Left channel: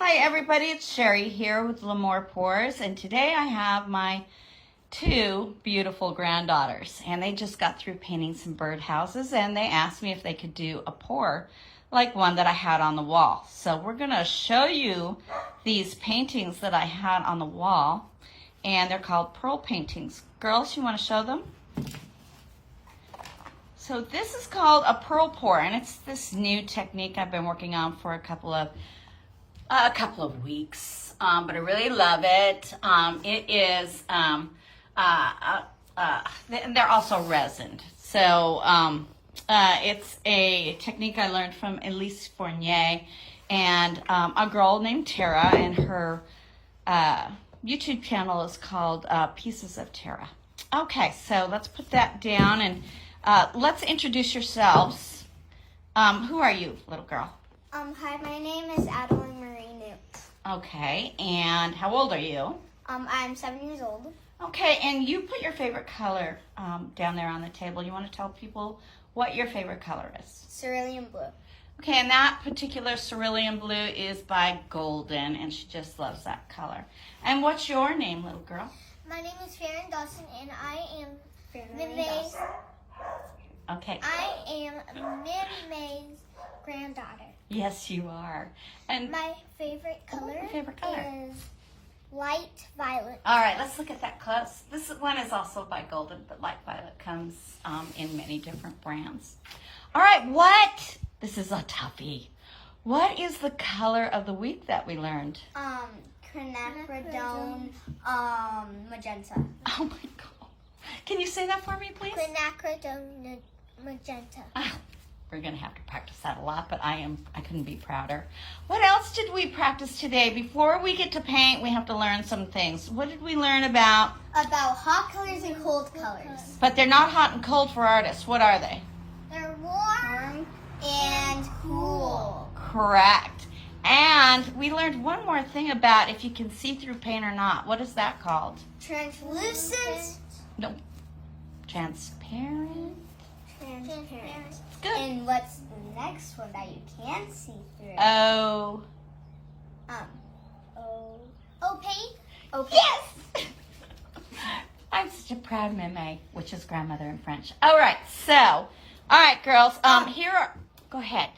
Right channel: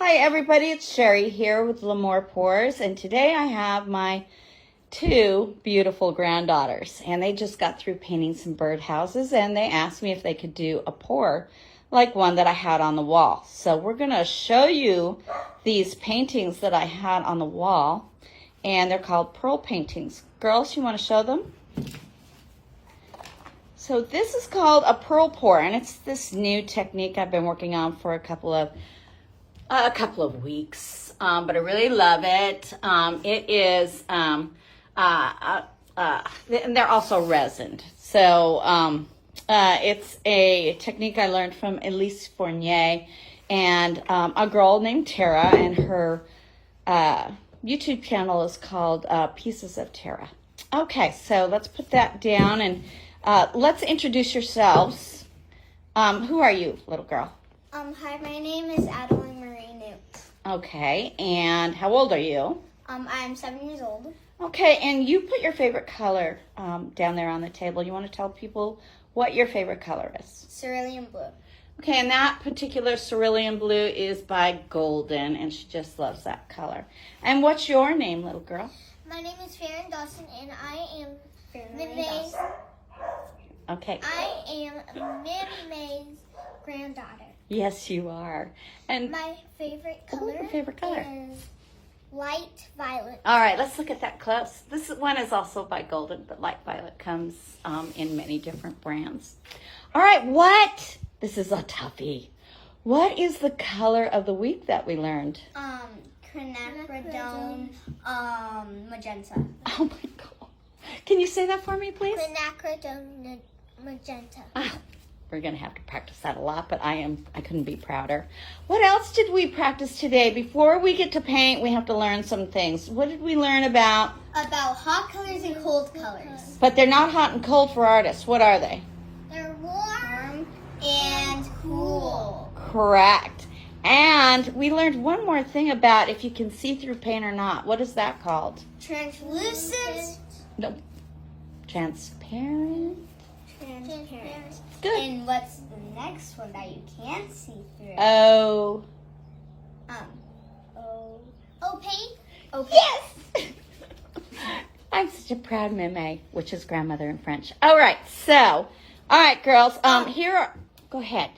Hi everybody, it's Sherry here with L'Amour Pours, and today I have my two beautiful granddaughters, and they just got through painting some birdhouses, and they asked me if they could do a pour like one that I had on the wall. So we're going to show you these paintings that I had on the wall, and they're called pearl paintings. Girls, you want to show them? So this is called a pearl pour, and it's this new technique I've been working on for a couple of weeks, but I really love it. It is, and they're also resined. So it's a technique I learned from Elise Fournier and a girl named Tara, and her YouTube channel is called Pieces of Tara. Okay, so let's put that down, and let's introduce yourselves. Who are you, little girl? Hi, my name is Adeline Marie Newt. Okay, and how old are you? I'm 7 years old. Okay, and you put your favorite color down there on the table. You want to tell people what your favorite color is? Cerulean blue. Okay, and that particular cerulean blue is by Golden, and she just loves that color. And what's your name, little girl? My name is Farron Dawson, and I am Mid-May's. Okay. I am Mid-May's granddaughter. Yes, you are. And My favorite color, is light violet. all right, let's look at that close. This one is also by Golden, but light violet comes in many different brands. All right, this is a toughie. What is the color of the week that we learned? Quinacridone, magenta. Oh my God. Can you say that for me, please? Quinacridone magenta. We're going to have to practice that a lot, but I couldn't be prouder. What else did we practice today? Before we get to paint, we have to learn some things. What did we learn about? About hot colors and cold colors. But they're not hot and cold for artists. What are they? They're warm and cool. Correct. And we learned one more thing about if you can see through paint or not. What is that called? Translucent. No. Transparent. Transparent. Good. And what's the next one that you can't see through? Opaque. Opaque. Yes. I'm such a proud meme, which is grandmother in French. All right, so, all right, girls. Go ahead.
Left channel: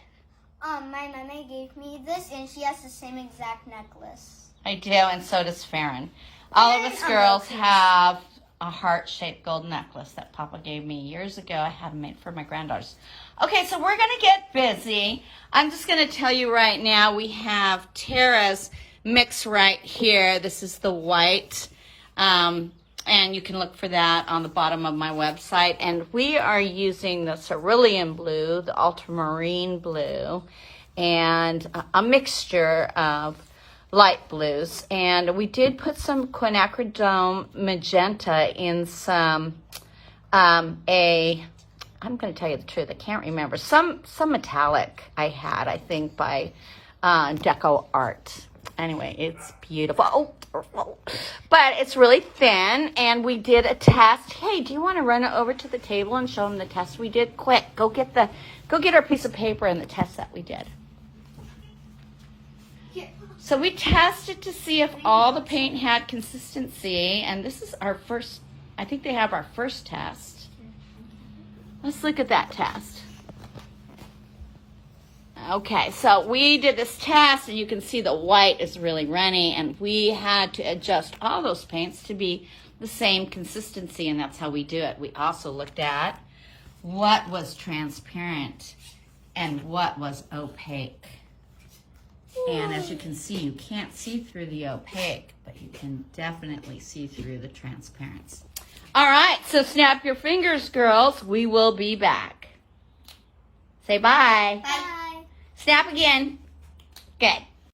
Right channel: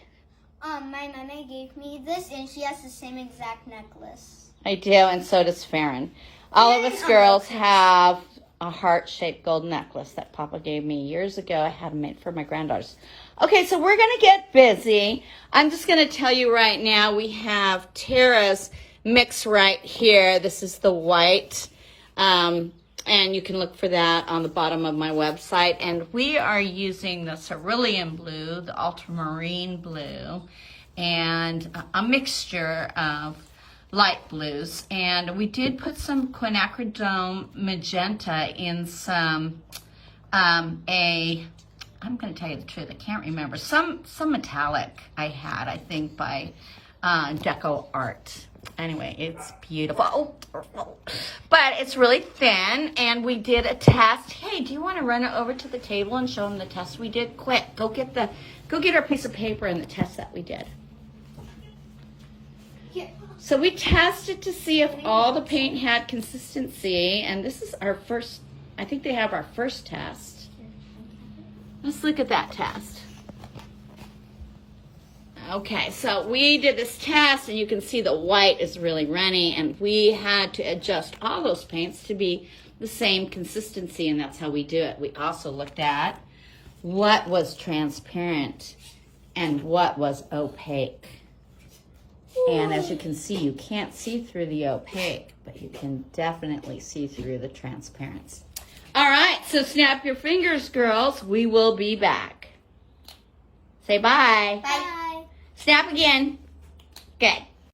My mama gave me this, and she has the same exact necklace. I do, and so does Farron. All of us girls have a heart-shaped gold necklace that Papa gave me years ago. I had them made for my granddaughters. Okay, so we're going to get busy. I'm just going to tell you right now, we have Tara's mix right here. This is the white, and you can look for that on the bottom of my website. And we are using the cerulean blue, the ultramarine blue, and a mixture of light blues, and we did put some quinacridone magenta in some I'm going to tell you the truth, I can't remember, some metallic I had, I think by Deco Art. Anyway, it's beautiful, but it's really thin, and we did a test. Hey, do you want to run it over to the table and show them the test we did? Quick, go get our piece of paper and the test that we did. So we tested to see if all the paint had consistency, and this is our first, I think they have our first test. Let's look at that test. Okay, so we did this test, and you can see the white is really runny, and we had to adjust all those paints to be the same consistency, and that's how we do it. We also looked at what was transparent and what was opaque. And as you can see, you can't see through the opaque, but you can definitely see through the transparency. All right, so snap your fingers, girls. We will be back. Say bye. Bye. Snap again. Good.